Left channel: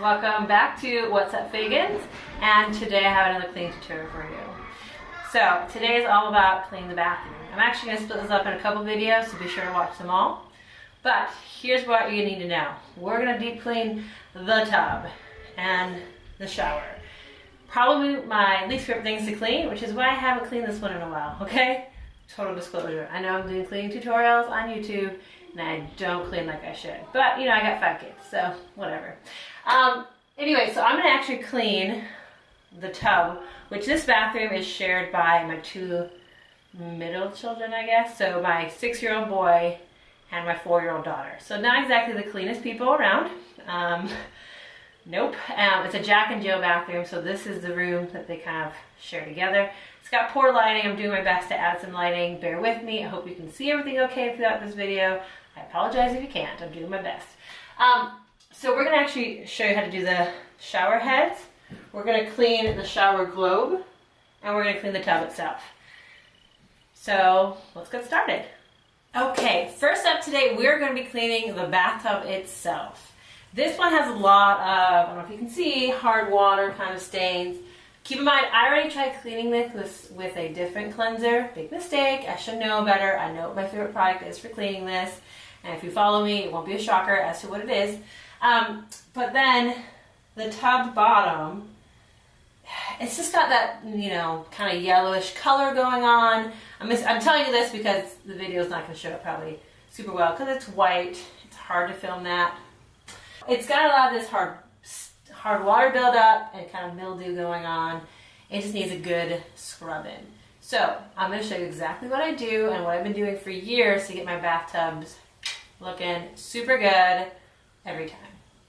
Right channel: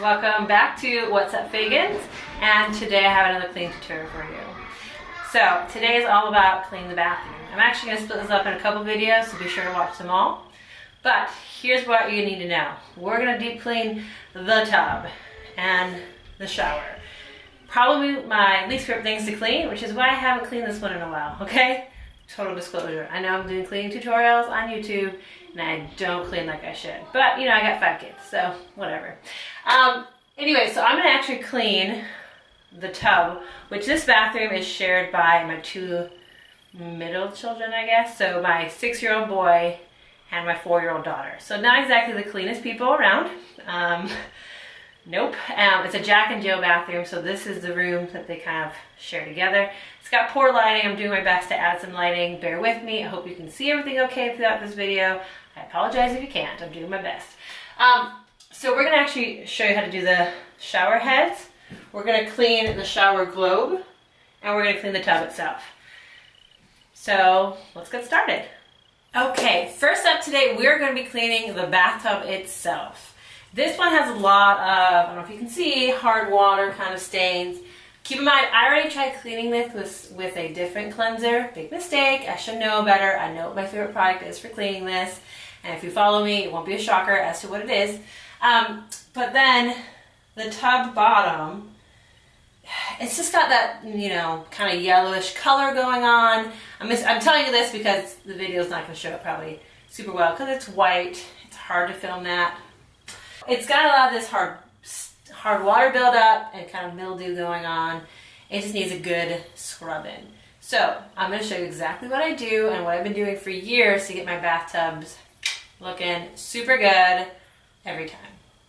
Welcome back to What's Up Fagans, and today I have another clean tutorial for you. So today is all about cleaning the bathroom. I'm actually going to split this up in a couple videos, so be sure to watch them all. But here's what you need to know. We're going to deep clean the tub and the shower. Probably my least favorite things to clean, which is why I haven't cleaned this one in a while, okay? Total disclosure. I know I'm doing cleaning tutorials on YouTube, and I don't clean like I should. But, you know, I got 5 kids, so whatever. Anyway, so I'm going to actually clean the tub, which this bathroom is shared by my 2 middle children, I guess. So my 6-year-old boy and my 4-year-old daughter. So not exactly the cleanest people around. Nope. It's a Jack and Jill bathroom, so this is the room that they kind of share together. It's got poor lighting. I'm doing my best to add some lighting. Bear with me. I hope you can see everything okay throughout this video. I apologize if you can't. I'm doing my best. So we're going to actually show you how to do the shower heads. We're going to clean the shower globe, and we're going to clean the tub itself. So let's get started. Okay, first up today, we're going to be cleaning the bathtub itself. This one has a lot of, I don't know if you can see, hard water kind of stains. Keep in mind, I already tried cleaning this with a different cleanser. Big mistake. I should know better. I know what my favorite product is for cleaning this. And if you follow me, it won't be a shocker as to what it is. But then the tub bottom, it's just got that, you know, kind of yellowish color going on. I'm telling you this because the video is not going to show it probably super well because it's white. It's hard to film that. It's got a lot of this hard water buildup and kind of mildew going on. It just needs a good scrubbing. So I'm going to show you exactly what I do and what I've been doing for years to get my bathtubs looking super good every time.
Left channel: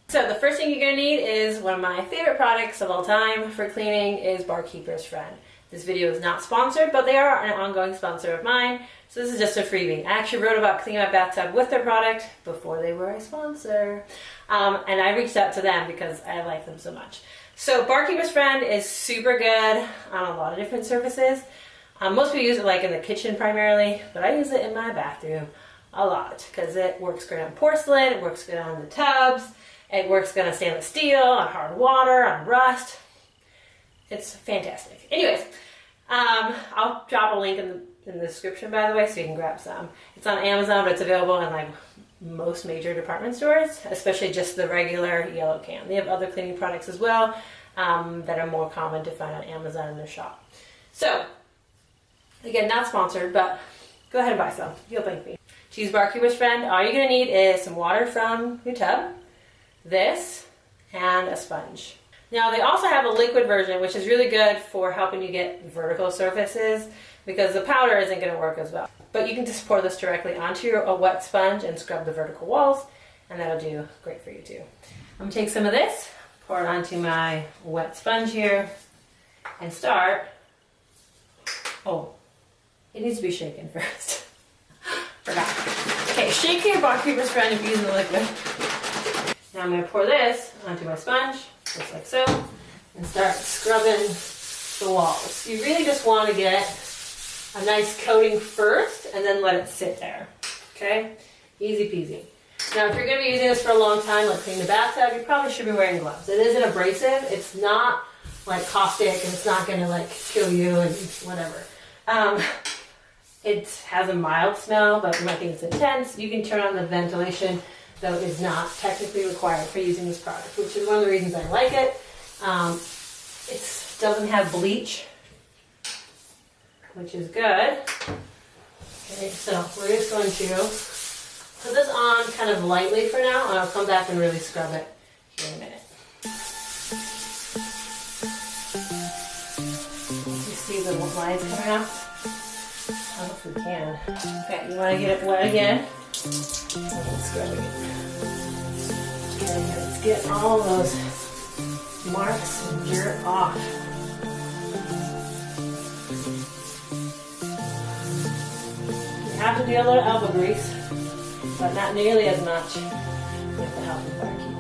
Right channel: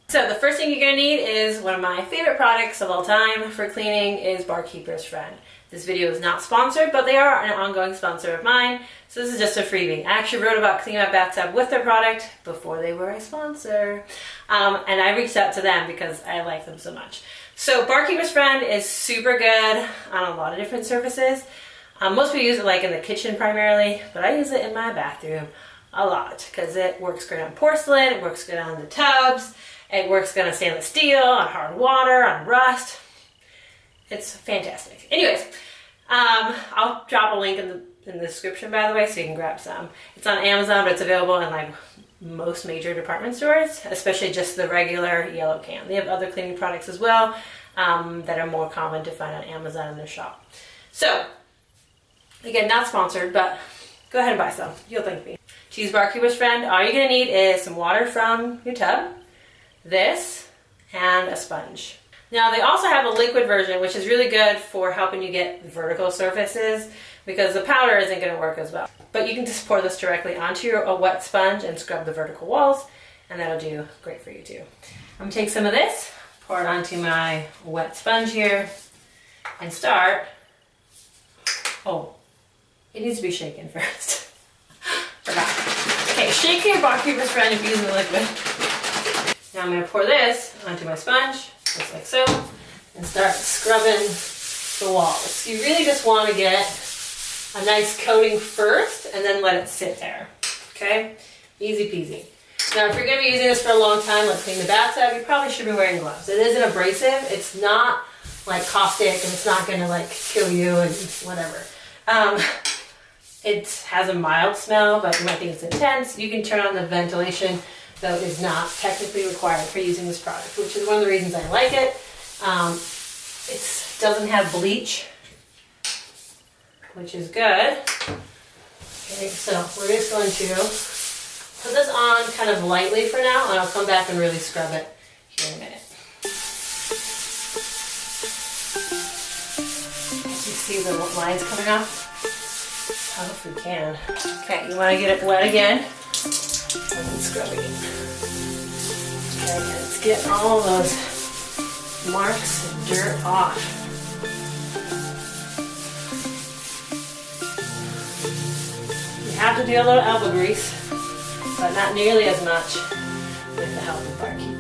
So the first thing you're going to need is one of my favorite products of all time for cleaning is Barkeeper's Friend. This video is not sponsored, but they are an ongoing sponsor of mine, so this is just a freebie. I actually wrote about cleaning my bathtub with their product before they were a sponsor, and I reached out to them because I like them so much. So Barkeeper's Friend is super good on a lot of different surfaces. Most people use it like in the kitchen primarily, but I use it in my bathroom a lot because it works great on porcelain, it works good on the tubs, it works good on stainless steel, on hard water, on rust. It's fantastic. Anyways, I'll drop a link in the description, by the way, so you can grab some. It's on Amazon, but it's available in like most major department stores, especially just the regular yellow can. They have other cleaning products as well that are more common to find on Amazon in their shop. So, again, not sponsored, but go ahead and buy some. You'll thank me. To use Barkeeper's Friend, all you're going to need is some water from your tub, this, and a sponge. Now they also have a liquid version, which is really good for helping you get vertical surfaces because the powder isn't going to work as well. But you can just pour this directly onto a wet sponge and scrub the vertical walls, and that'll do great for you too. I'm going to take some of this, pour it onto my wet sponge here, and start. Oh, it needs to be shaken first. Forgot. Okay, shake your Barkeeper's Friend if you're using the liquid. Now I'm going to pour this onto my sponge, just like so, and start scrubbing the walls. You really just want to get a nice coating first and then let it sit there, okay? Easy peasy. Now if you're going to be using this for a long time, like cleaning the bathtub, you probably should be wearing gloves. It is an abrasive. It's not like caustic and it's not going to like kill you and whatever. It has a mild smell, but you might think it's intense. You can turn on the ventilation, though it is not technically required for using this product, which is one of the reasons I like it. It doesn't have bleach, which is good. Okay, so we're just going to put this on kind of lightly for now, and I'll come back and really scrub it here in a minute. You see the lines coming off? I hope you can. Okay, you want to get it wet again. And scrub again. Okay, let's get all those marks and dirt off. You have to do a little elbow grease, but not nearly as much with the help of Barkeepers.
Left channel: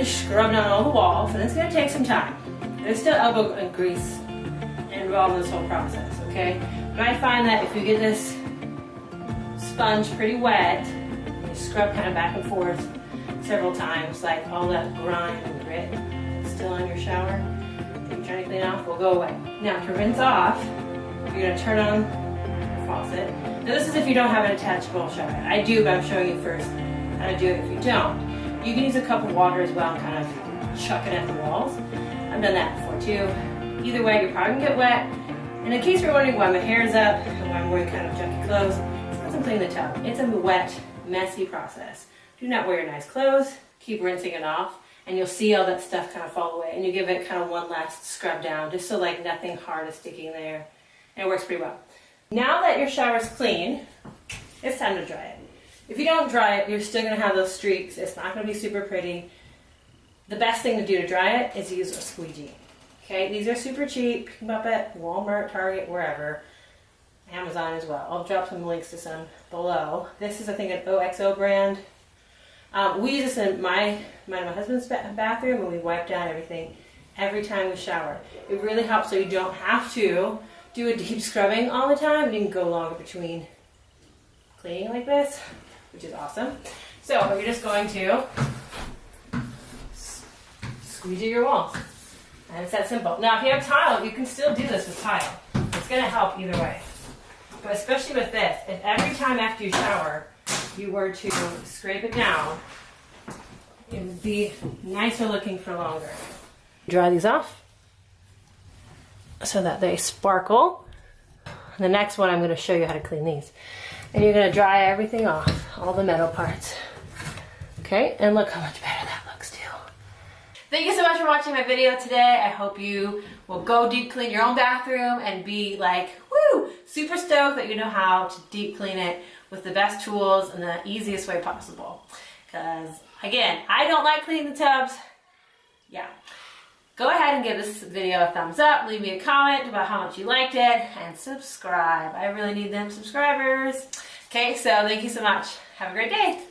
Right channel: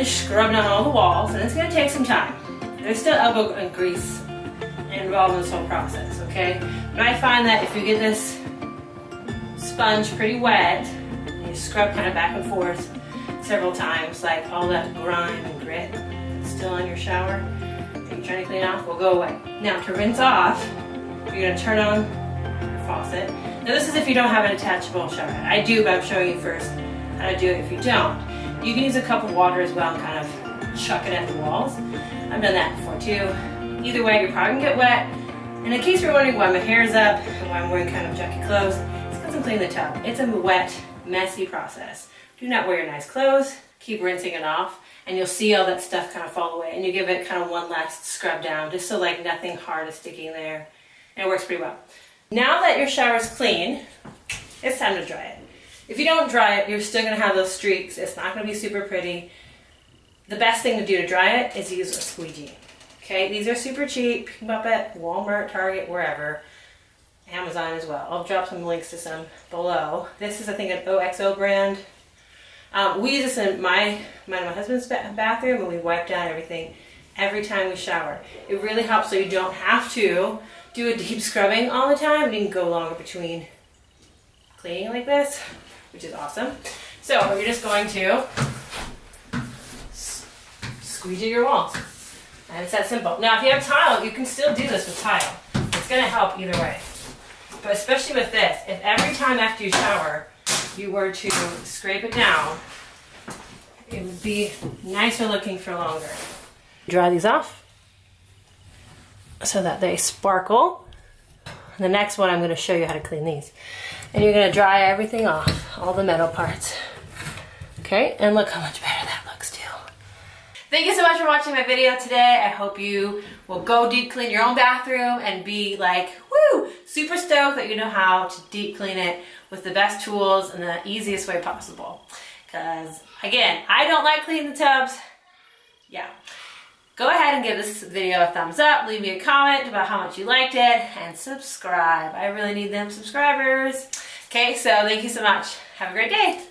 gonna scrub down all the walls, and it's gonna take some time. There's still elbow and grease involved in this whole process, okay? But I find that if you get this sponge pretty wet, and you scrub kind of back and forth several times, like all that grime and grit that's still in your shower that you're trying to clean off will go away. Now to rinse off, you're gonna turn on your faucet. Now this is if you don't have an attachable shower head. I do, but I'm showing you first how to do it if you don't. You can use a cup of water as well and kind of chuck it at the walls. I've done that before too. Either way, you're probably gonna get wet. And in case you're wondering why my hair is up and why I'm wearing kind of junky clothes, it's because I'm cleaning the tub. It's a wet, messy process. Do not wear your nice clothes. Keep rinsing it off, and you'll see all that stuff kind of fall away. And you give it kind of one last scrub down, just so like nothing hard is sticking there. And it works pretty well. Now that your shower's clean, it's time to dry it. If you don't dry it, you're still gonna have those streaks. It's not gonna be super pretty. The best thing to do to dry it is use a squeegee. Okay, these are super cheap. Pick them up at Walmart, Target, wherever. Amazon as well. I'll drop some links to some below. This is, I think, an OXO brand. We use this in mine and my husband's bathroom, and we wipe down everything every time we shower. It really helps so you don't have to do a deep scrubbing all the time, and you can go longer between cleaning like this, which is awesome. So you're just going to squeegee your walls. And it's that simple. Now if you have tile, you can still do this with tile. It's going to help either way. But especially with this, if every time after you shower, you were to scrape it down, it would be nicer looking for longer. Dry these off so that they sparkle. The next one, I'm going to show you how to clean these. And you're going to dry everything off, all the metal parts. Okay, and look how much better that looks too. Thank you so much for watching my video today. I hope you will go deep clean your own bathroom and be like, woo, super stoked that you know how to deep clean it with the best tools and the easiest way possible. Because again, I don't like cleaning the tubs. Yeah. Go ahead and give this video a thumbs up, leave me a comment about how much you liked it, and subscribe. I really need them subscribers. Okay, so thank you so much. Have a great day.